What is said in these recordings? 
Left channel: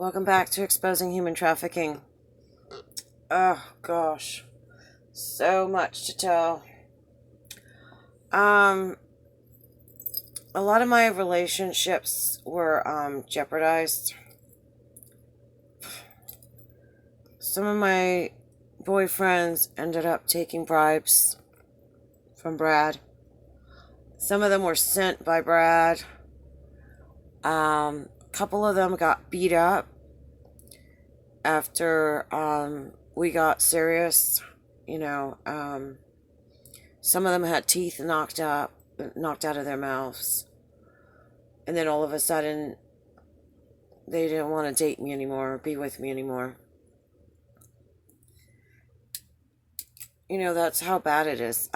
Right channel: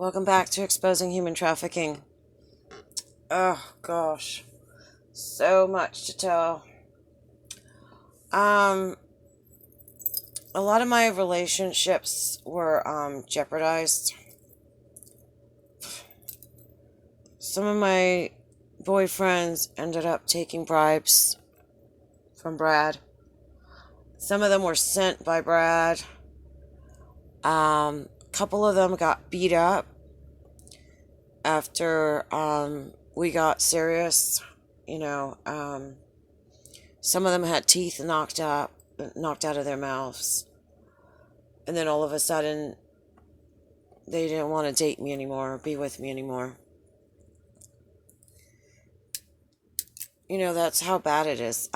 Welcome back to Exposing Human Trafficking. Oh gosh, so much to tell. Um, a lot of my relationships were jeopardized. Some of my boyfriends ended up taking bribes from Brad. Some of them were sent by Brad. A couple of them got beat up after we got serious. You know, some of them had teeth knocked out of their mouths. And then all of a sudden, they didn't want to date me anymore or be with me anymore. You know, that's how bad it is.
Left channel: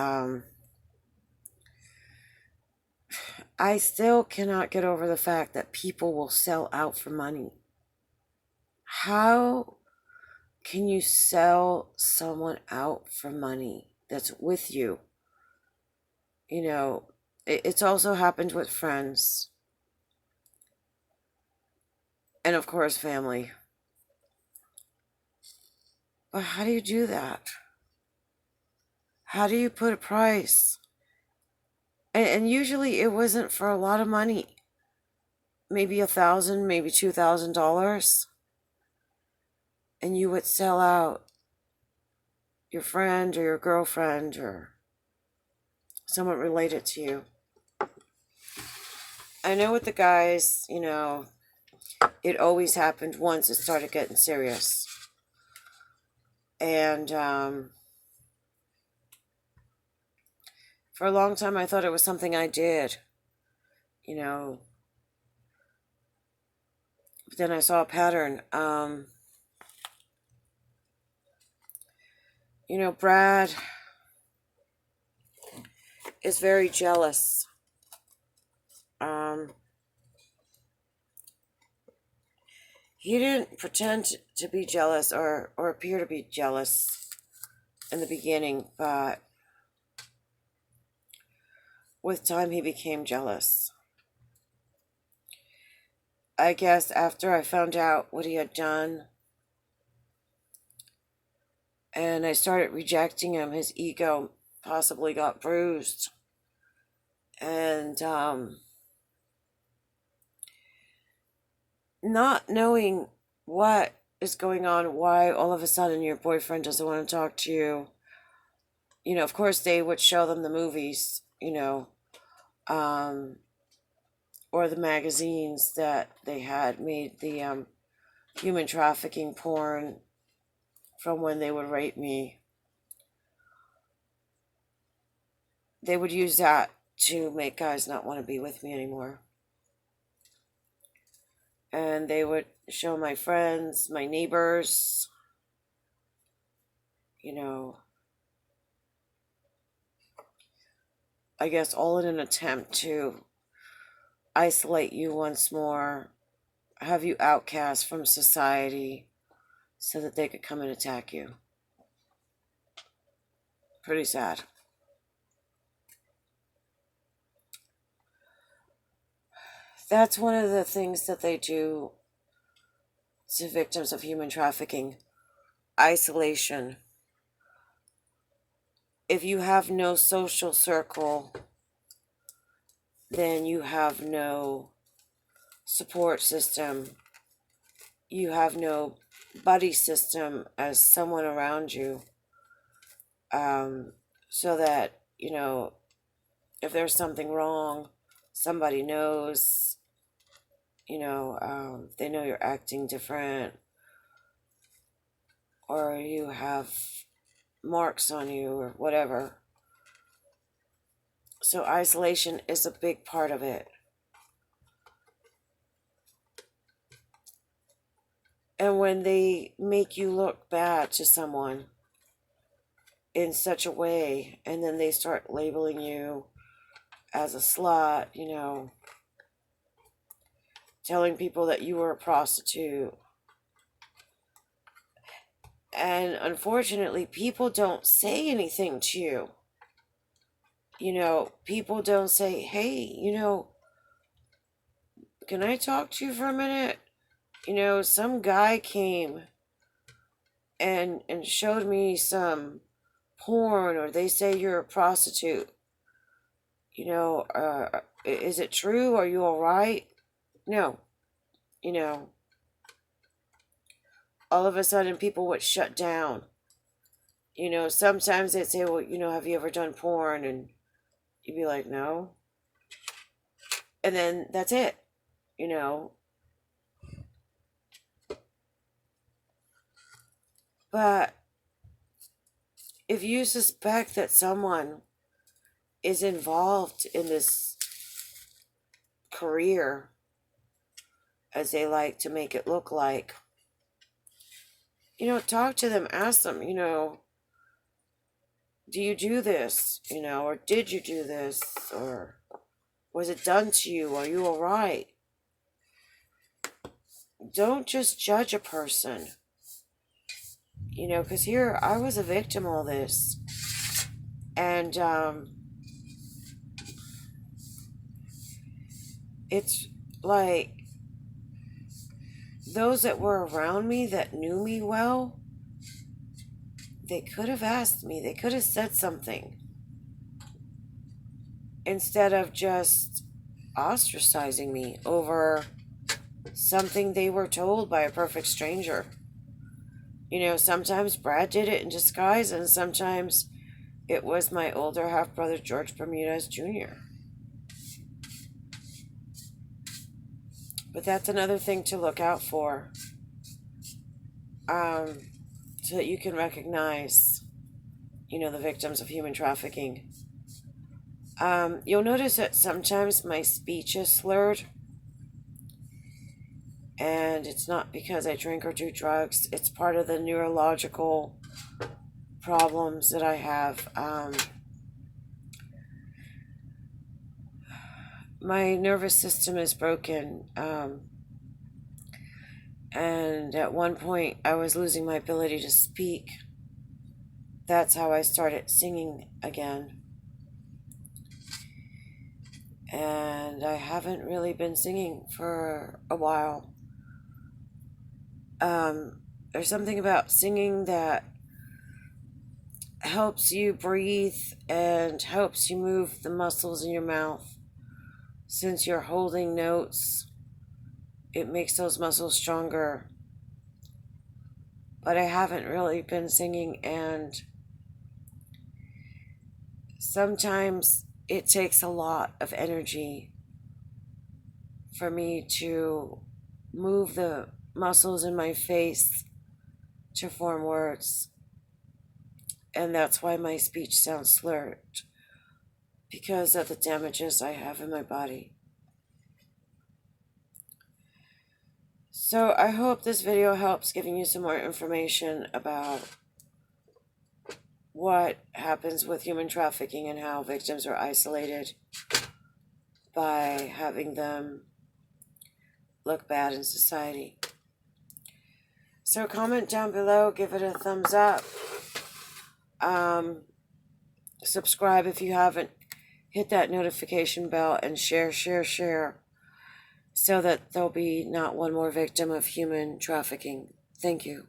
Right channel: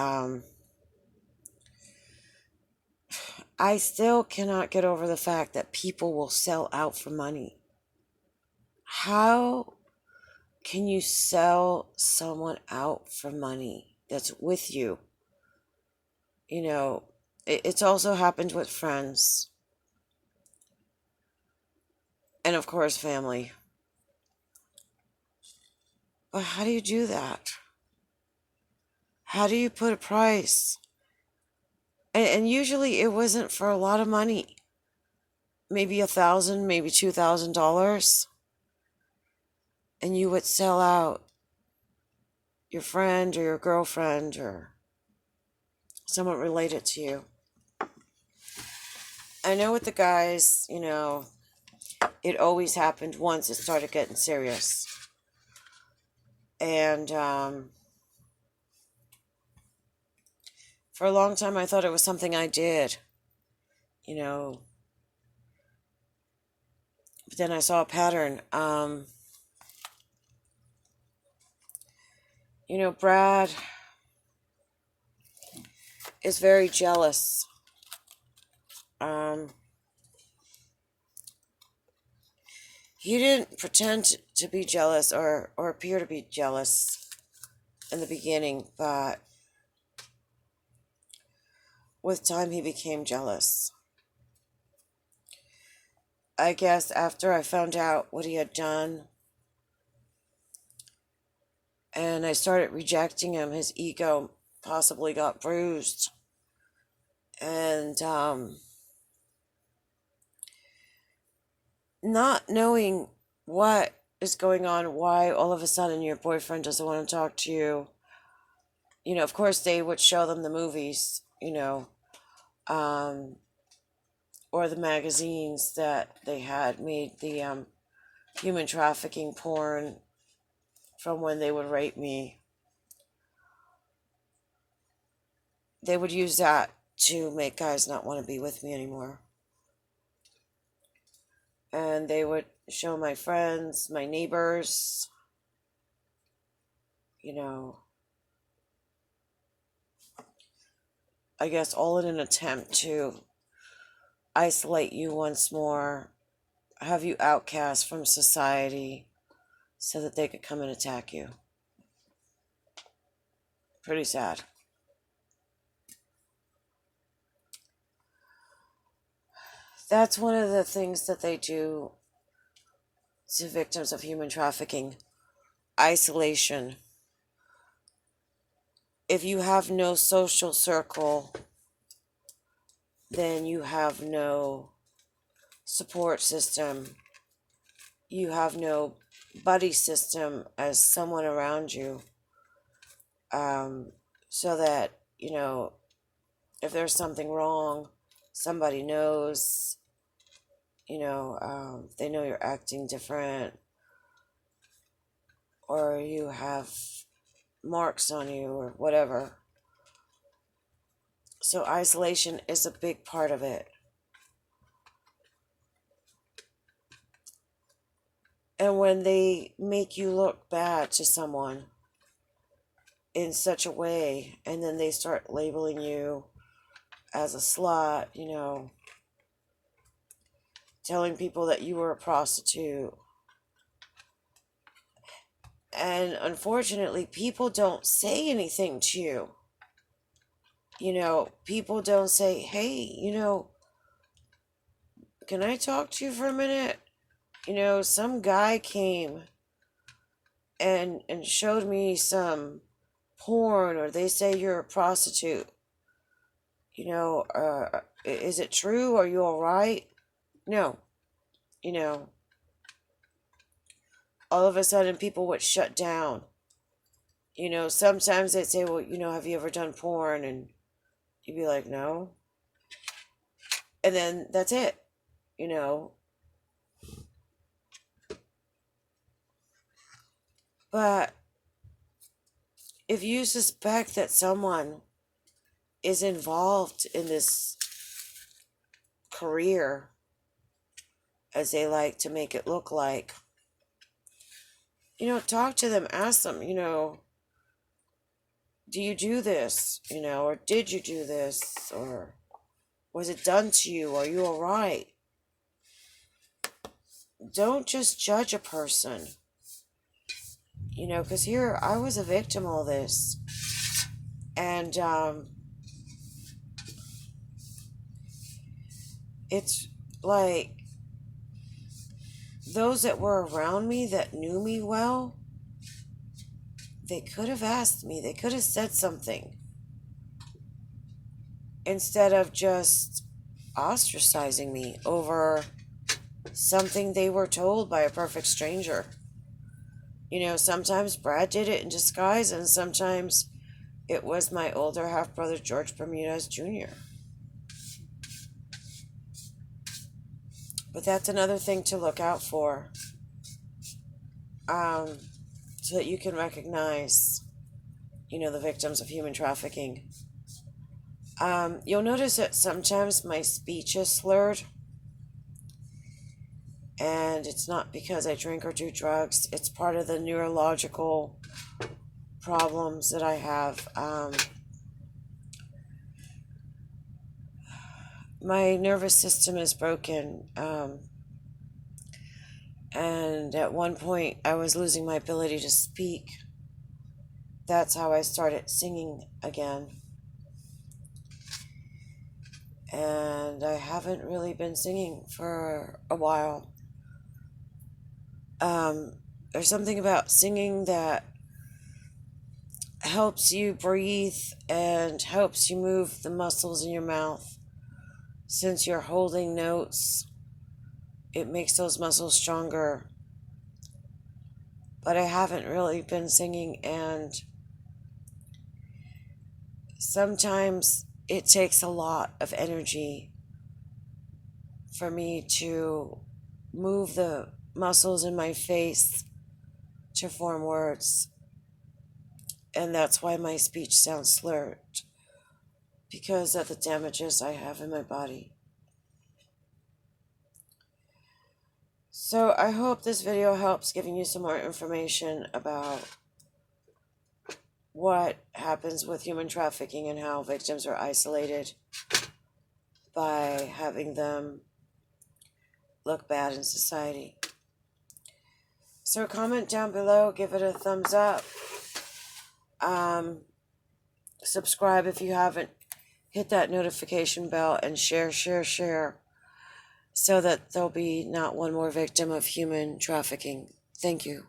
I still cannot get over the fact that people will sell out for money. How can you sell someone out for money that's with you? You know, it's also happened with friends. And of course, family. But how do you do that? How do you put a price? And usually it wasn't for a lot of money. Maybe $1,000, maybe $2,000. And you would sell out your friend or your girlfriend or someone related to you. I know with the guys, you know, it always happened once it started getting serious. And for a long time, I thought it was something I did, you know. But then I saw a pattern. You know, Brad is very jealous. He didn't pretend to be jealous or appear to be jealous in the beginning, but with time he became jealous. I guess after I found out what he had done and I started rejecting him, his ego possibly got bruised. And not knowing what is going on, why all of a sudden your boyfriend doesn't want to talk to you. You know, of course, they would show them the movies, you know, or the magazines that they had made the human trafficking porn from when they would rape me. They would use that to make guys not want to be with me anymore. And they would show my friends, my neighbors, you know, I guess all in an attempt to isolate you once more, have you outcast from society so that they could come and attack you. Pretty sad. That's one of the things that they do to victims of human trafficking. Isolation. If you have no social circle, then you have no support system. You have no buddy system as someone around you. So that, you know, if there's something wrong, somebody knows, you know, they know you're acting different, or you have marks on you, or whatever. So isolation is a big part of it. And when they make you look bad to someone in such a way, and then they start labeling you as a slut, you know, telling people that you were a prostitute. And unfortunately, people don't say anything to you. You know, people don't say, hey, you know, can I talk to you for a minute? Some guy came and showed me some porn, or they say you're a prostitute. Is it true? Are you all right? No. You know, all of a sudden people would shut down. Sometimes they'd say, well, have you ever done porn? And you'd be like, no. And then that's it, you know. But if you suspect that someone is involved in this career, as they like to make it look like, talk to them, ask them, do you do this? Or did you do this? Or was it done to you? Are you all right? Don't just judge a person, because here I was a victim of this. And it's like those that were around me that knew me well, they could have asked me, they could have said something instead of just ostracizing me over something they were told by a perfect stranger. Sometimes Brad did it in disguise, and sometimes it was my older half-brother, George Bermudez Jr. But that's another thing to look out for, so that you can recognize, the victims of human trafficking. You'll notice that sometimes my speech is slurred, and it's not because I drink or do drugs. It's part of the neurological problems that I have. My nervous system is broken, and at one point I was losing my ability to speak. That's how I started singing again. And I haven't really been singing for a while. There's something about singing that helps you breathe and helps you move the muscles in your mouth. Since you're holding notes, it makes those muscles stronger. But I haven't really been singing, and sometimes it takes a lot of energy for me to move the muscles in my face to form words. And that's why my speech sounds slurred, because of the damages I have in my body. So I hope this video helps giving you some more information about what happens with human trafficking and how victims are isolated by having them look bad in society. So comment down below, give it a thumbs up. Subscribe if you haven't. Hit that notification bell and share, so that there'll be not one more victim of human trafficking. Thank you.